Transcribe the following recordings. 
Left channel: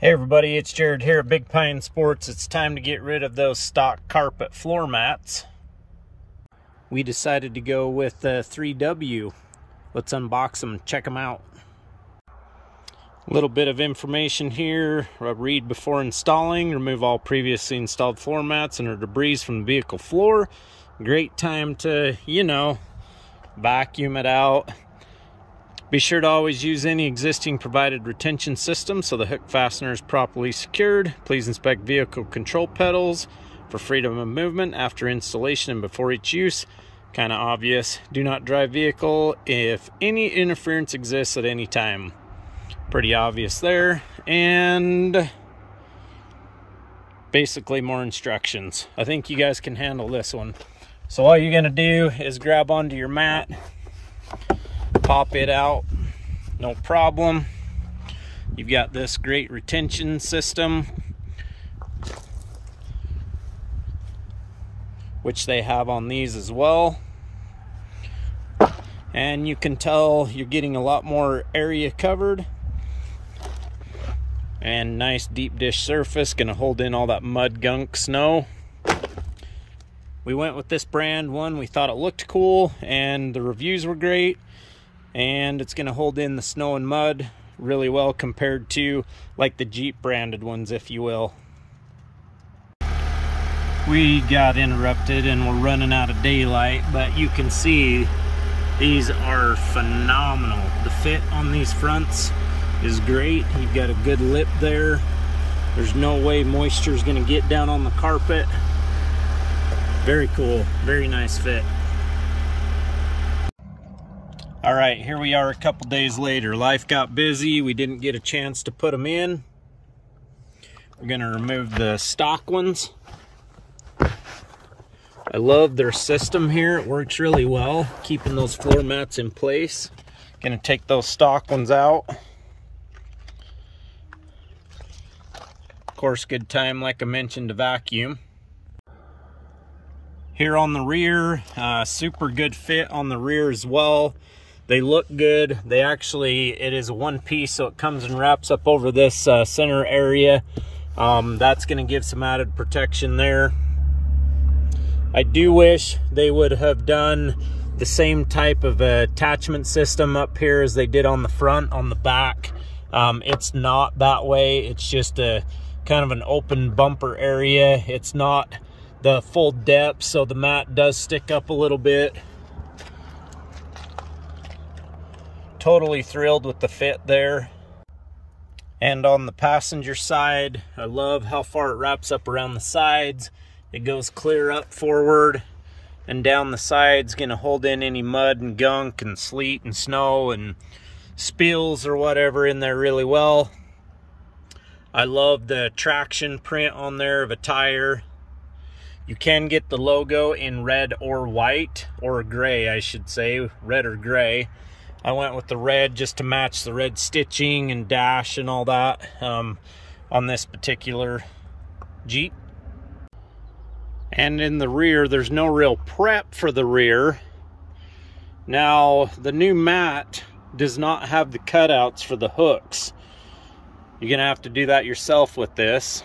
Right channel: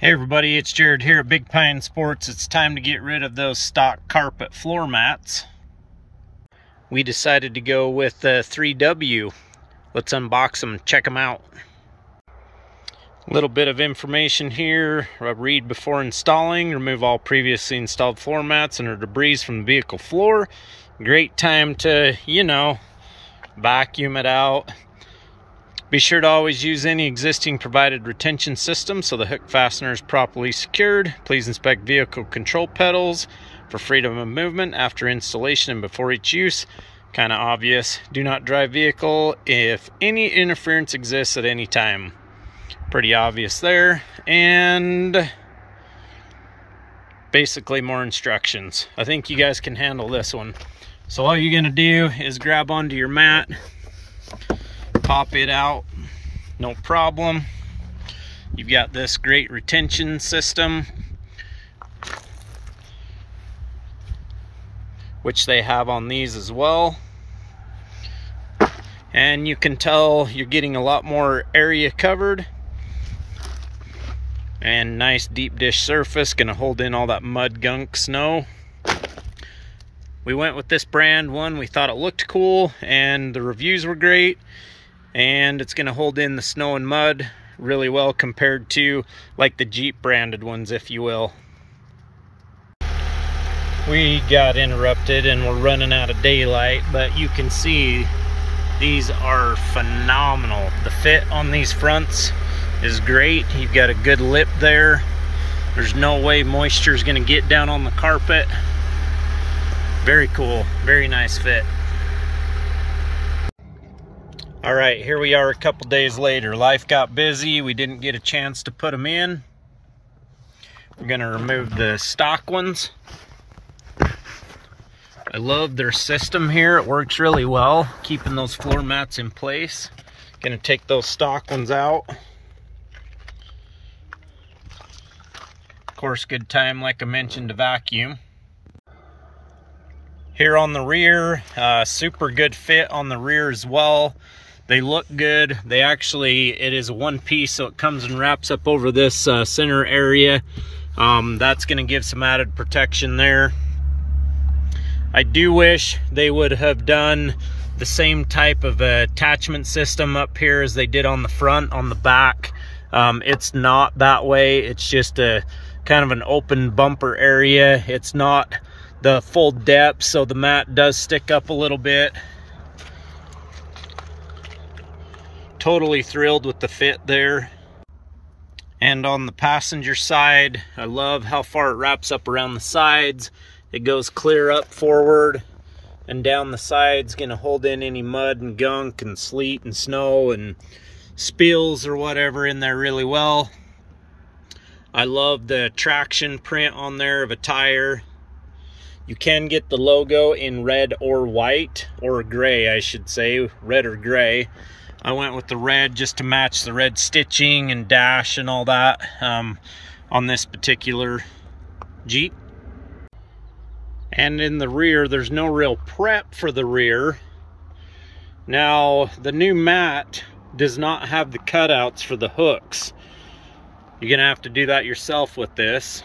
Hey everybody, it's Jared here at Big Pine Sports. It's time to get rid of those stock carpet floor mats. We decided to go with the 3W. Let's unbox them and check them out. A little bit of information here. Read before installing. Remove all previously installed floor mats and or debris from the vehicle floor. Great time to, vacuum it out. Be sure to always use any existing provided retention system so the hook fastener is properly secured. Please inspect vehicle control pedals for freedom of movement after installation and before each use. Kind of obvious. Do not drive vehicle if any interference exists at any time. Pretty obvious there. And basically more instructions. I think you guys can handle this one. So all you're going to do is grab onto your mat, pop it out, no problem. You've got this great retention system, which they have on these as well. And you can tell you're getting a lot more area covered. And nice deep dish surface, gonna hold in all that mud, gunk, snow. We went with this brand one. We thought it looked cool and the reviews were great. And it's gonna hold in the snow and mud really well compared to like the Jeep branded ones, if you will. We got interrupted and we're running out of daylight, but you can see these are phenomenal. The fit on these fronts is great. You've got a good lip there. There's no way moisture is gonna get down on the carpet. Very cool, very nice fit. All right, here we are a couple days later. Life got busy. We didn't get a chance to put them in. We're gonna remove the stock ones. I love their system here. It works really well, keeping those floor mats in place. Gonna take those stock ones out. Of course, good time, like I mentioned, to vacuum. Here on the rear, super good fit on the rear as well. They look good. They actually, it is a one piece, so it comes and wraps up over this center area. That's gonna give some added protection there. I do wish they would have done the same type of attachment system up here as they did on the front. On the back, it's not that way. It's just a kind of an open bumper area. It's not the full depth, so the mat does stick up a little bit. Totally thrilled with the fit there. And on the passenger side, I love how far it wraps up around the sides. It goes clear up forward and down the sides, gonna hold in any mud and gunk and sleet and snow and spills or whatever in there really well. I love the traction print on there of a tire. You can get the logo in red or white, or gray, I should say, red or gray. I went with the red just to match the red stitching and dash and all that on this particular Jeep. And in the rear, there's no real prep for the rear. Now, the new mat does not have the cutouts for the hooks. You're gonna have to do that yourself with this.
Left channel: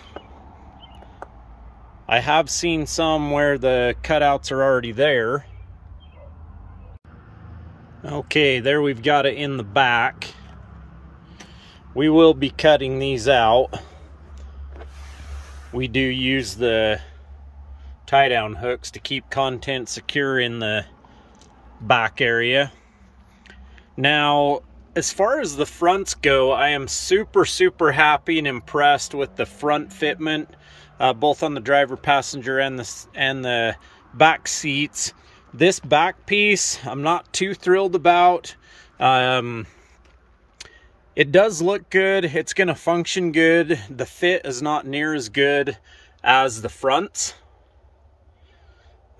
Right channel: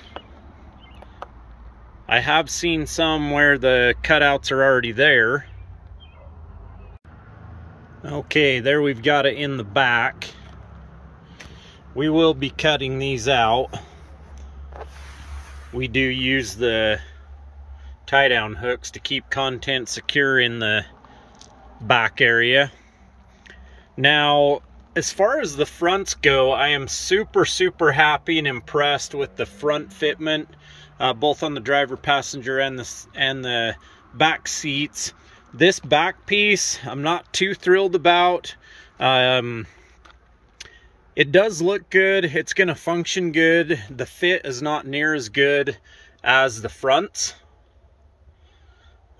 I have seen some where the cutouts are already there. Okay, there we've got it in the back. We will be cutting these out. We do use the tie-down hooks to keep content secure in the back area. Now, as far as the fronts go, I am super happy and impressed with the front fitment, both on the driver, passenger, and the back seats. This back piece, I'm not too thrilled about. It does look good. It's gonna function good. The fit is not near as good as the fronts.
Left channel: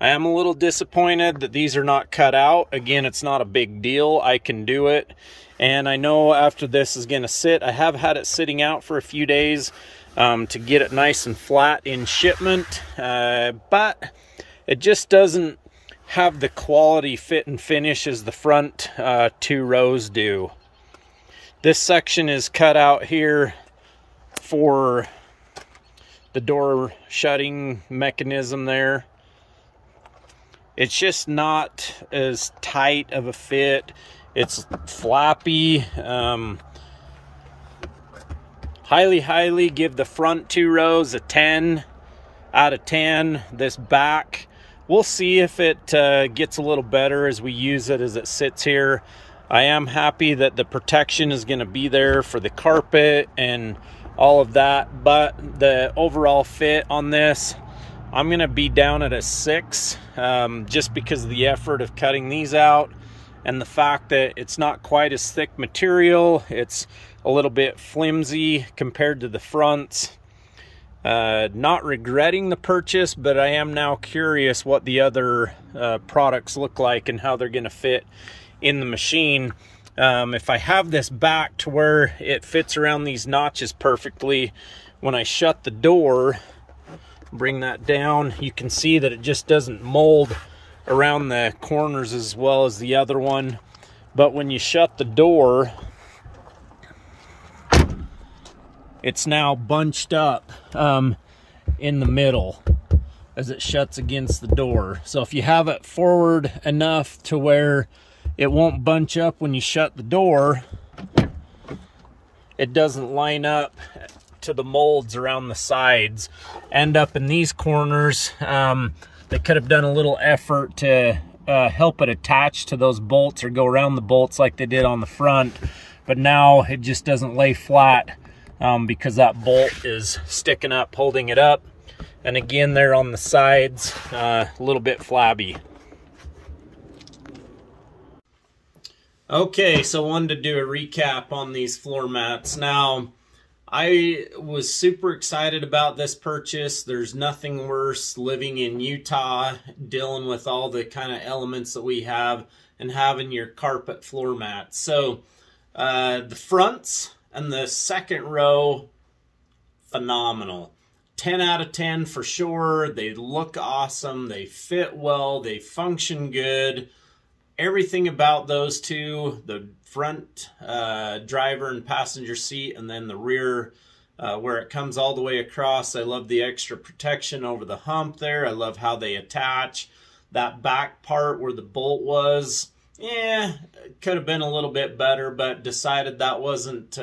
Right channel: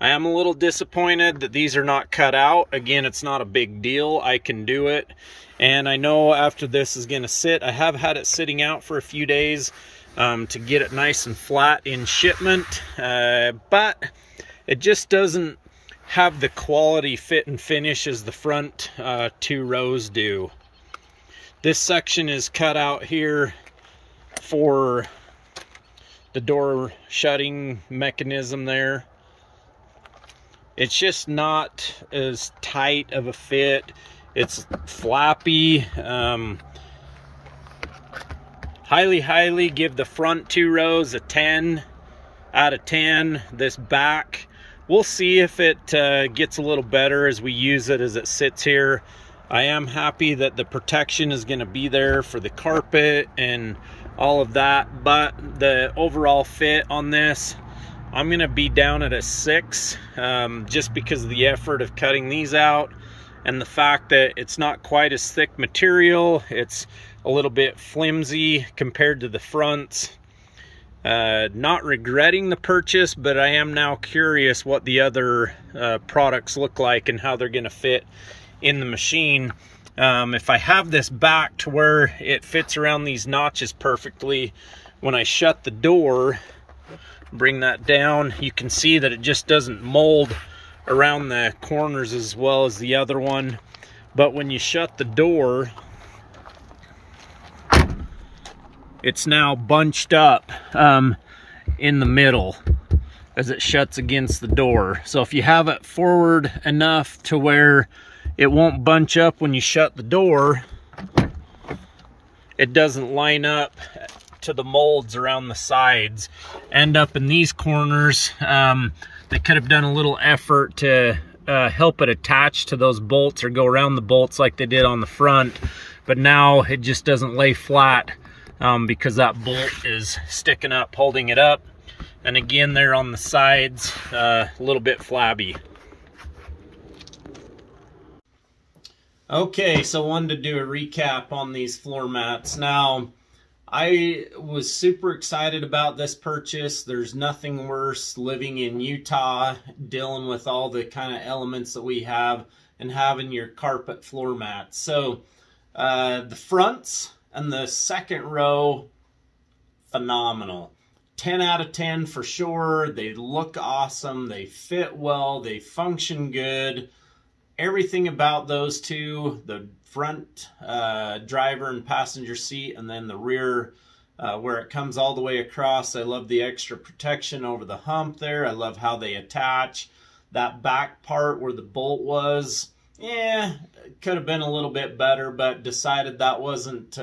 I am a little disappointed that these are not cut out. Again, it's not a big deal. I can do it. And I know after this is gonna sit, I have had it sitting out for a few days to get it nice and flat in shipment. But it just doesn't have the quality fit and finish as the front two rows do. This section is cut out here for the door shutting mechanism there. It's just not as tight of a fit. It's flappy. Highly give the front 2 rows a 10 out of 10. This back, we'll see if it gets a little better as we use it as it sits here. I am happy that the protection is going to be there for the carpet and all of that, but the overall fit on this, I'm going to be down at a 6, just because of the effort of cutting these out and the fact that it's not quite as thick material. It's a little bit flimsy compared to the fronts. Not regretting the purchase, but I am now curious what the other products look like and how they're going to fit in the machine. If I have this back to where it fits around these notches perfectly, when I shut the door, bring that down, you can see that it just doesn't mold around the corners as well as the other one. But when you shut the door, it's now bunched up in the middle as it shuts against the door. So if you have it forward enough to where it won't bunch up when you shut the door, it doesn't line up to the molds around the sides. End up in these corners. They could have done a little effort to help it attach to those bolts or go around the bolts like they did on the front, but now it just doesn't lay flat because that bolt is sticking up, holding it up. And again, there on the sides, a little bit flabby. Okay, so I wanted to do a recap on these floor mats. Now, I was super excited about this purchase. There's nothing worse living in Utah, dealing with all the kind of elements that we have, and having your carpet floor mats. So the fronts and the second row, phenomenal. 10 out of 10 for sure. They look awesome. They fit well. They function good. Everything about those two, the front driver and passenger seat, and then the rear where it comes all the way across. I love the extra protection over the hump there. I love how they attach. That back part where the bolt was, could have been a little bit better, but decided that wasn't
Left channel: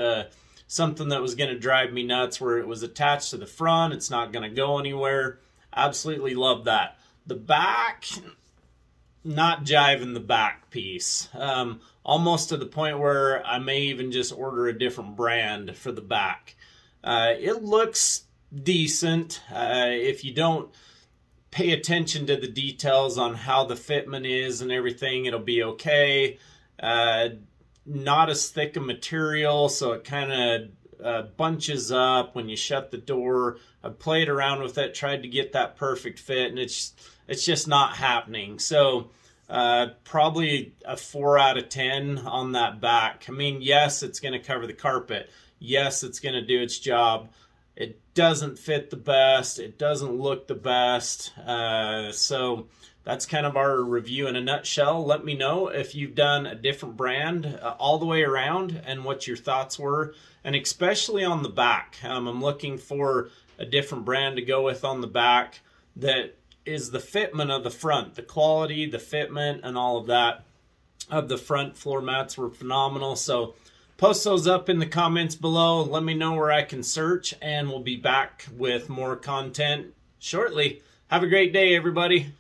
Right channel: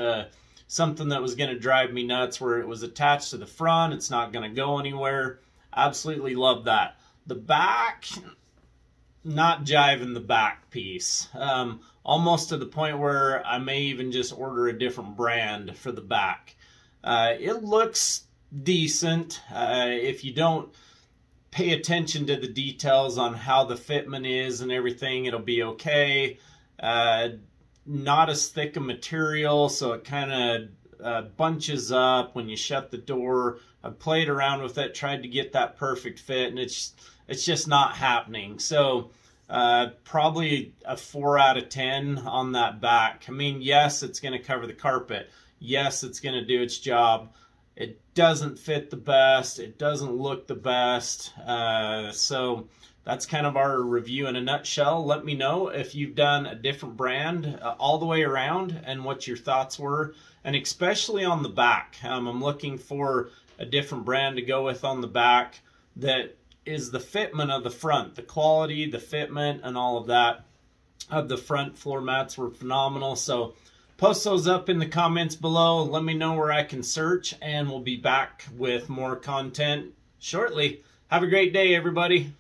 something that was going to drive me nuts, where it was attached to the front. It's not going to go anywhere. Absolutely love that. The back, not jiving the back piece. Almost to the point where I may even just order a different brand for the back. It looks decent. If you don't pay attention to the details on how the fitment is and everything, it'll be okay. Not as thick a material, so it kind of bunches up when you shut the door. I've played around with it, tried to get that perfect fit, and it's just not happening. So probably a 4 out of 10 on that back. I mean, yes, it's going to cover the carpet. Yes, it's going to do its job. It doesn't fit the best. It doesn't look the best. So that's kind of our review in a nutshell. Let me know if you've done a different brand all the way around and what your thoughts were, and especially on the back. I'm looking for a different brand to go with on the back that is the fitment of the front. The quality, the fitment, and all of that of the front floor mats were phenomenal. So post those up in the comments below. Let me know where I can search, and we'll be back with more content shortly. Have a great day, everybody.